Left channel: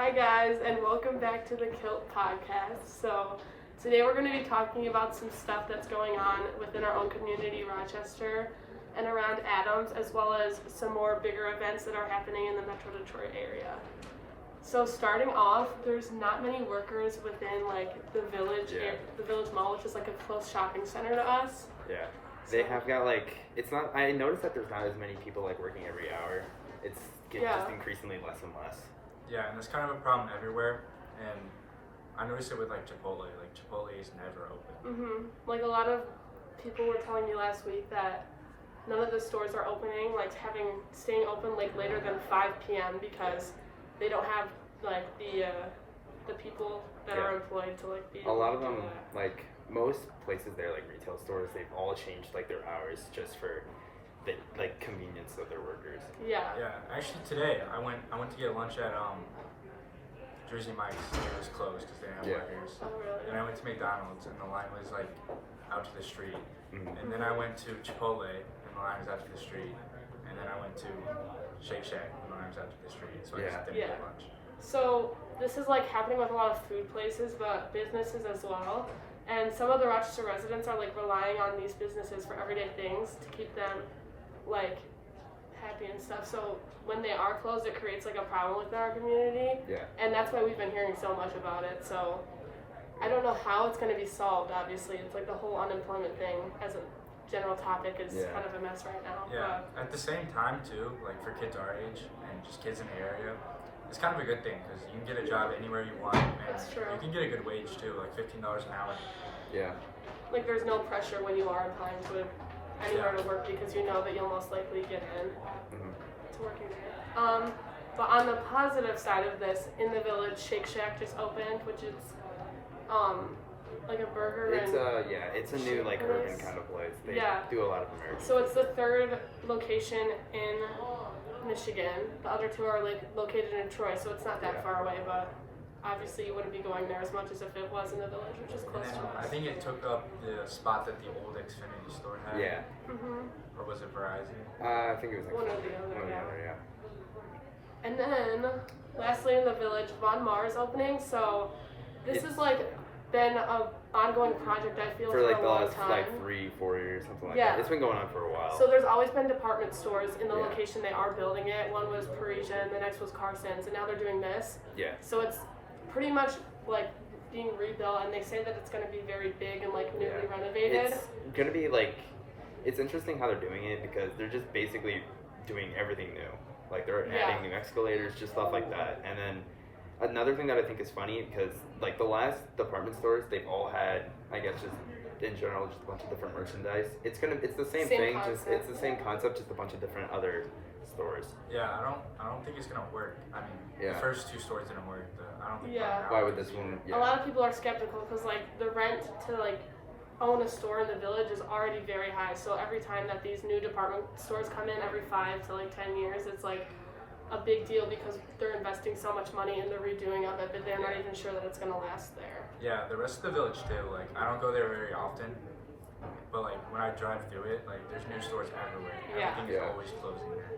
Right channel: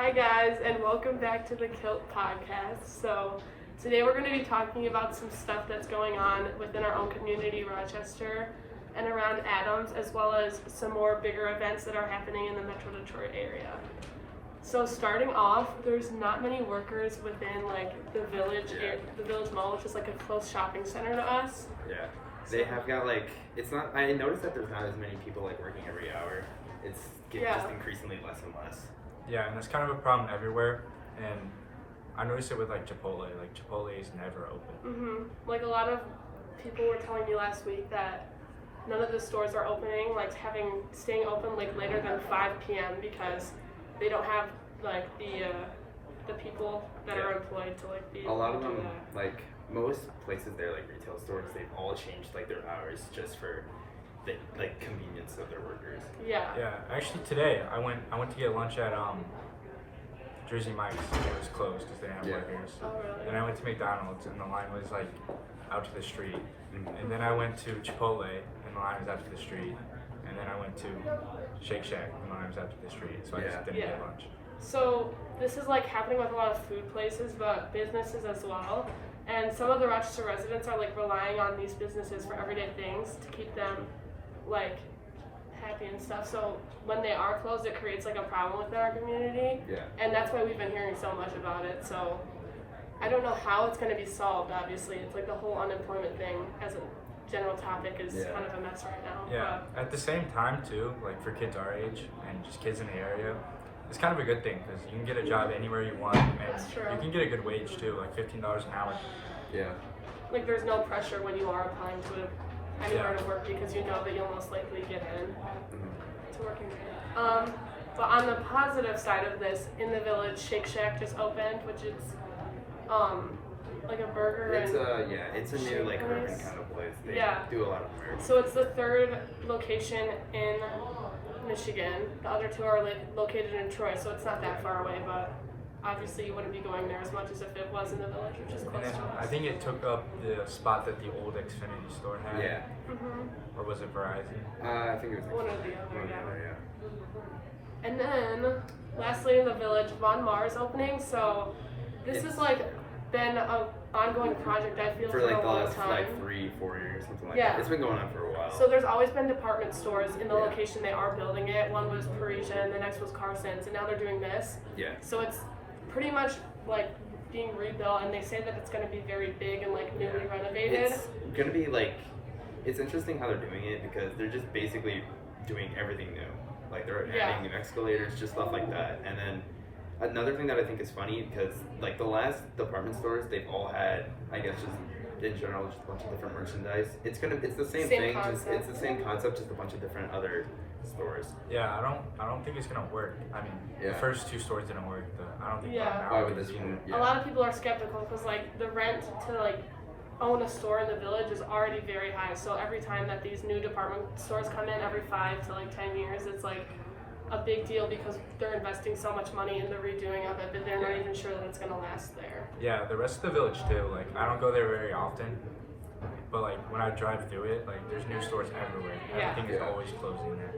Hi guys, and welcome back to the Kilt podcast. So today we're going to be talking about some stuff that's going on within our own community, Rochester, and around Adams, as well as some more bigger events that are happening in the Metro Detroit area. So starting off, there's not many workers within the village mall, which is like a close shopping center to us. Yeah, they have got it's not. I noticed that there's not as many people working every hour. It's getting just increasingly less and less. Yeah, and that's kind of a problem everywhere. And I noticed it with Chipotle. Chipotle is never open. Like a lot of people were telling me last week that none of the stores are opening, staying open later than 5 p.m. because they don't have the people that are employed to be a lot of do them that. Most places there, retail stores, they've all changed their hours just for the convenience of their workers. Yeah. Yeah. Actually, today I went to get lunch at Jersey Mike's. It was closed because they didn't have workers. Oh really? And I went to McDonald's and the line was out to the street. Mm-hmm. And then I went to Chipotle and the line was out to the street. And then I went to Shake Shack and the line was out to the street. So I just didn't get lunch. So this is happening with a lot of food places, but businesses as well. And some of the Rochester residents are relying on these businesses for everyday things to keep them happy and stuff. So when they are closed, it creates a problem within our community. Yeah. And that's why we've been hearing so much about it. So I don't know how it's going to be solved. Obviously, it's the whole unemployment thing as a general topic is kind of a mess right now. Yeah. But at the same time too, for kids our age and just kids in the area, it's kind of a good thing because you can get a job anywhere you want, and That's true. you can get a good wage too, $15 an hour. Yeah. There's no pressure when you are applying to anywhere to work because you know that you'll most likely get in to working there. But on the positive side of this, in the village, Shake Shack just opened, which is a burger it's a new urban kind of place. They do a lot of them. So it's the third location in Michigan. The other two are located in Troy, so it's not that far away, but obviously you wouldn't be going there as much as if it was in the village, which is close to us. I think it took up the spot that the old Xfinity store had. Yeah. Or was it Verizon? I think it was one or the other, And then, lastly in the village, Von Mars opening. So this is been an ongoing project, I feel, for a long time. 3-4 years, something like that. It's been going on for a while. So there's always been department stores in the location they are building it. One was Parisian, the next was Carson's, and now they're doing this. Yeah. So it's pretty much being rebuilt, and they say that it's going to be very big and newly renovated. It's going to be it's interesting how they're doing it because they're just basically doing everything new. They're adding new escalators, just stuff like that. And then another thing that I think is funny because the last department stores, they've all had, I guess, just in general, just a bunch of different merchandise. It's the same thing, concept. it's the same concept, just a bunch of different other stores. Yeah, I don't think it's gonna work. I mean, the first two stores didn't work. I don't think. Why would this one? A lot of people are skeptical because the rent to own a store in the village is already very high. So every time that these new department stores come in, every 5 to 10 years, it's a big deal because they're investing so much money in the redoing of it, but they're not even sure that it's going to last there. Yeah, the rest of the village too. I don't go there very often, but when I drive through it, there's new stores everywhere. Everything is always closing there.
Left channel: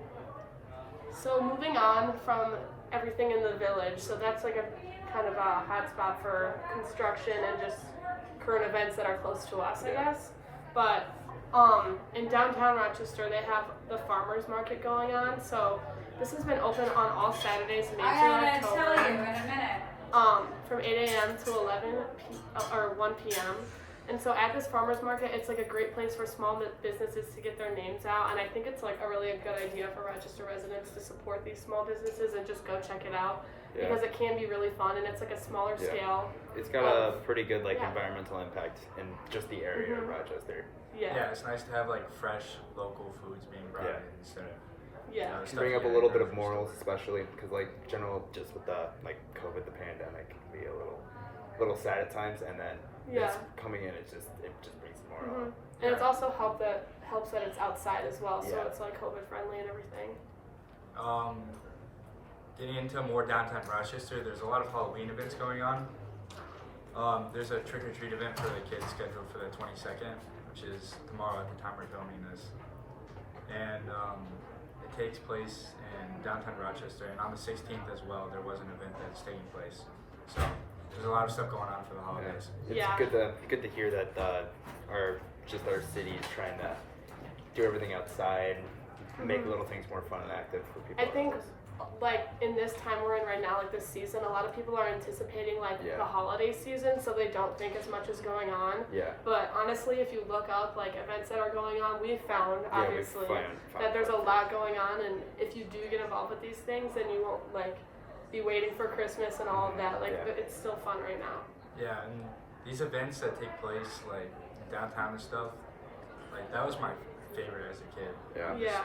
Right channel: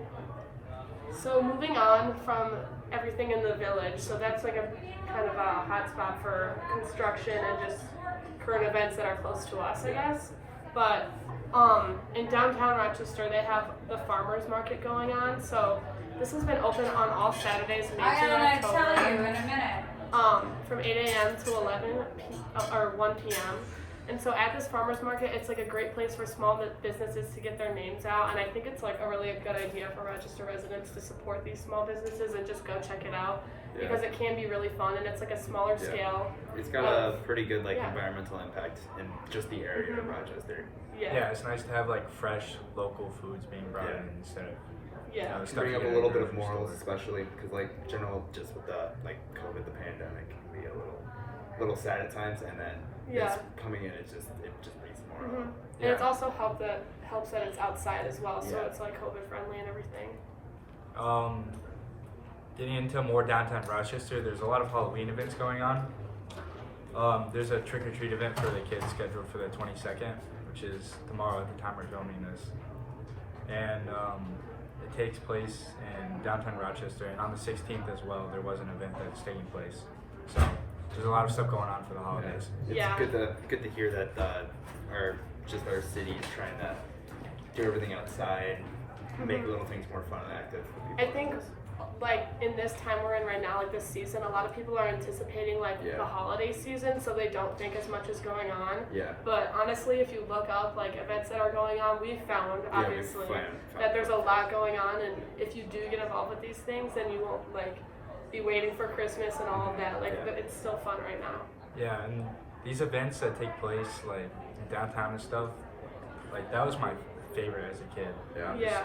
So moving on from everything in the village, so that's a kind of a hot spot for construction and just current events that are close to us, I guess. But in downtown Rochester, they have the farmers market going on. So this has been open on all Saturdays, May through October. Tell you in a minute. From 8 a.m. to 1 p.m. And so at this farmers market, it's a great place for small businesses to get their names out. And I think it's a really good idea for Rochester residents to support these small businesses and just go check it out because it can be really fun and it's a smaller scale. It's got a pretty good environmental impact in just the area of Rochester. Yeah, it's nice to have fresh local foods being brought in instead of bring up a little bit of morals, especially because general just with the COVID, the pandemic can be a little sad at times, and then it's coming in, it just brings more. And it's also helps that it's outside as well, so it's COVID friendly and everything. Getting into more downtown Rochester, there's a lot of Halloween events going on. There's a trick or treat event for the kids scheduled for the 22nd, which is tomorrow at the time we're filming this. And it takes place in downtown Rochester, and on the 16th as well, there was an event that's taking place. So there's a lot of stuff going on for the holidays. It's good to hear that our city is trying to do everything outside, make little things more fun and active for people. I think like in this time we're in right now, like this season, a lot of people are anticipating like the holiday season, so they don't think as much is going on. Yeah. But honestly, if you look up like events that are going on, we've found obviously that there's a lot going on, and if you do get involved with these things, then you won't like be waiting for Christmas and all of that. Like it's still fun right now. Yeah, and these events that take place like in downtown and stuff, like that was my favorite as a kid.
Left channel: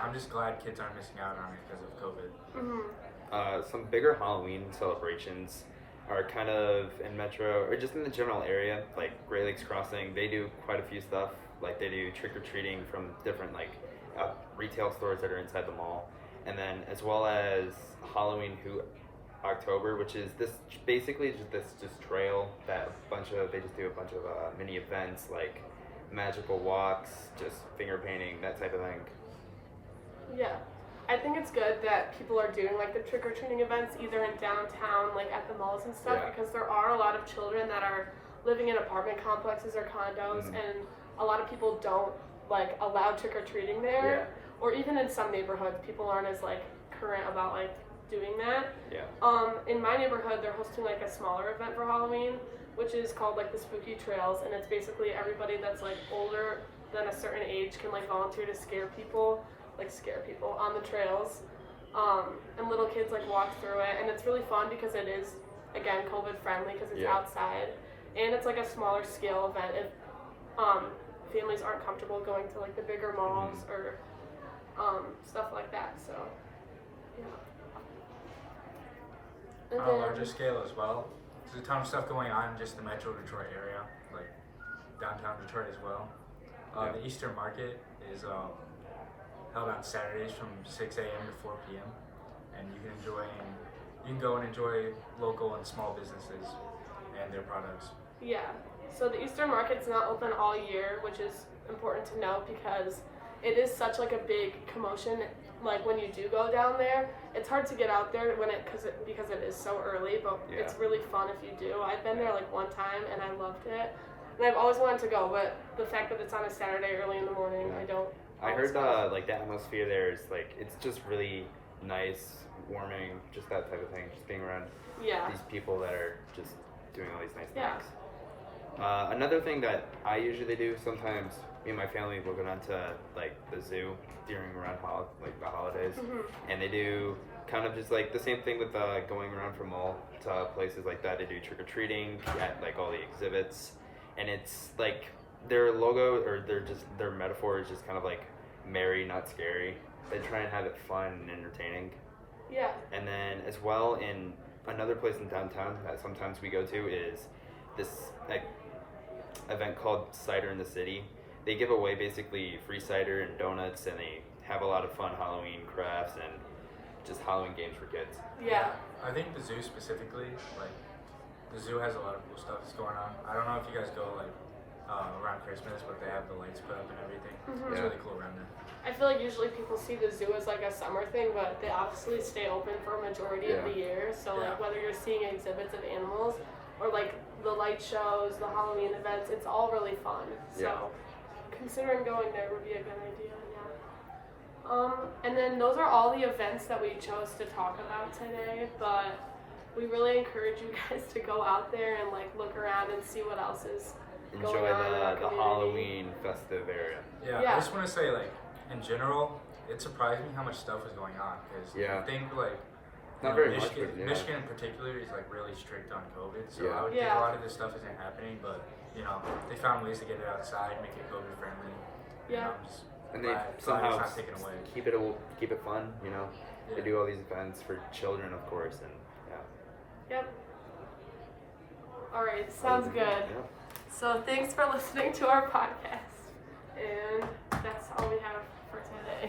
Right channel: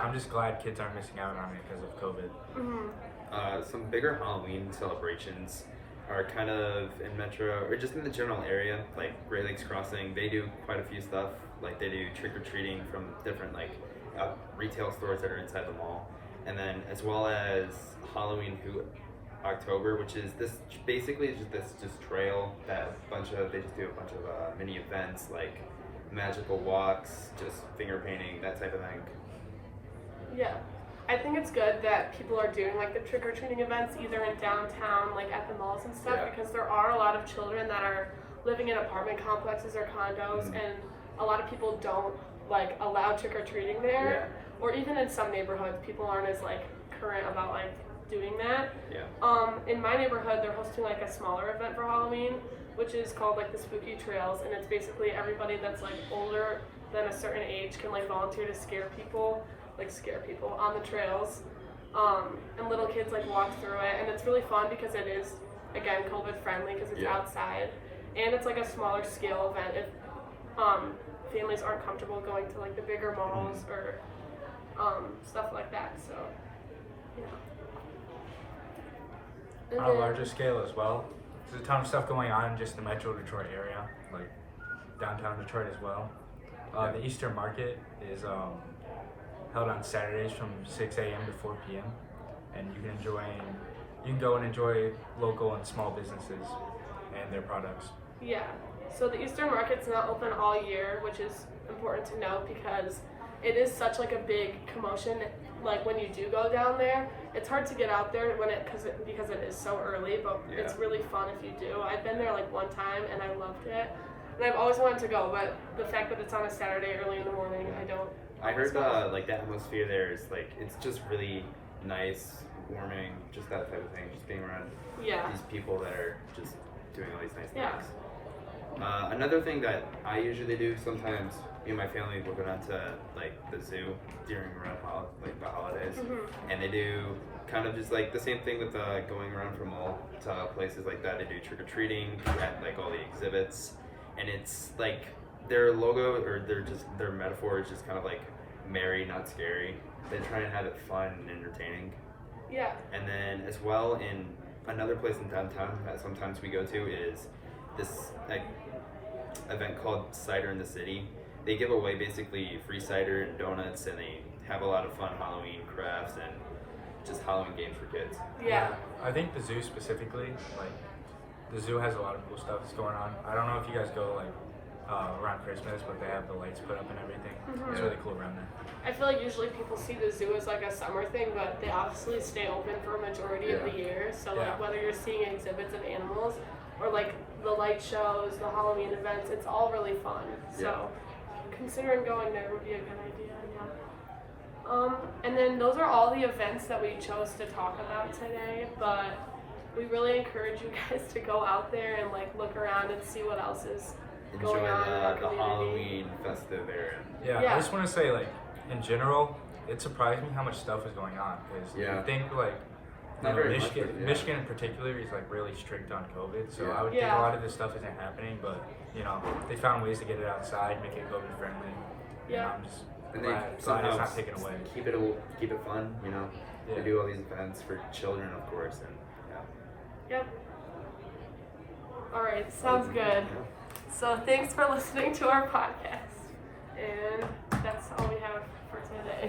I'm just glad kids aren't missing out on it because of COVID. Some bigger Halloween celebrations are kind of in Metro or just in the general area, like Great Lakes Crossing. They do quite a few stuff. Like they do trick or treating from different like retail stores that are inside the mall, and then as well as Halloween October, which is this basically just trail that they just do a bunch of mini events like magical walks, just finger painting, that type of thing. Yeah. I think it's good that people are doing like the trick-or-treating events either in downtown, like at the malls and stuff, because there are a lot of children that are living in apartment complexes or condos, and a lot of people don't like allow trick-or-treating there, or even in some neighborhoods, people aren't as like current about like doing that. In my neighborhood, they're hosting like a smaller event for Halloween, which is called like the Spooky Trails, and it's basically everybody that's like older than a certain age can like volunteer to scare people on the trails, and little kids like walk through it, and it's really fun because it is again COVID friendly because it's outside, and it's like a smaller scale event if families aren't comfortable going to like the bigger malls or stuff like that. So on a larger scale as well, there's a ton of stuff going on in just the Metro Detroit area, like downtown Detroit as well. The Easter Market is held on Saturdays from 6 a.m. to 4 p.m. and you can go and enjoy local and small businesses and their products. Yeah. So the Easter Market's not open all year, which is important to note because it is such like a big commotion. Like when you do go down there, it's hard to get out there because it is so early, but it's really fun if you do. I've been there like one time and I loved it, and I've always wanted to go, but the fact that it's on a Saturday early in the morning, I heard like the atmosphere there is like it's just really nice, warming, just that type of thing. Just being around these people that are just doing all these nice things. Another thing that I usually do sometimes, me and my family will go down to like the zoo during around the holidays, and they do kind of just like the same thing with going around from mall to places like that. They do trick or treating at like all the exhibits, and it's like their logo or their metaphor is just kind of like merry, not scary. They try and have it fun and entertaining. Yeah. And then as well in another place in downtown that sometimes we go to is this like event called Cider in the City. They give away basically free cider and donuts, and they have a lot of fun Halloween crafts and just Halloween games for kids. Yeah. I think the zoo specifically, like the zoo has a lot of cool stuff that's going on. I don't know if you guys go like around Christmas, but they have the lights put up and everything. It's really cool around there. I feel like usually people see the zoo as like a summer thing, but they obviously stay open for a majority of the year. So like whether you're seeing exhibits of animals or like the light shows, the Halloween events, it's all really fun. So considering going there would be a good idea. And then those are all the events that we chose to talk about today, but we really encourage you guys to go out there and like look around and see what else is going on in our the community. Halloween festive area. I just want to say, like, in general, it surprised me how much stuff is going on, because you think, like, Michigan in particular is, like, really strict on COVID, so I would think a lot of this stuff isn't happening, but, you know, they found ways to get it outside, make it COVID friendly. Yeah. And glad it's not taken away. Keep it fun, you know. They do all these events for children, of course, and Yep. All right, sounds good. So thanks for listening to our podcast, and that's all we have for today.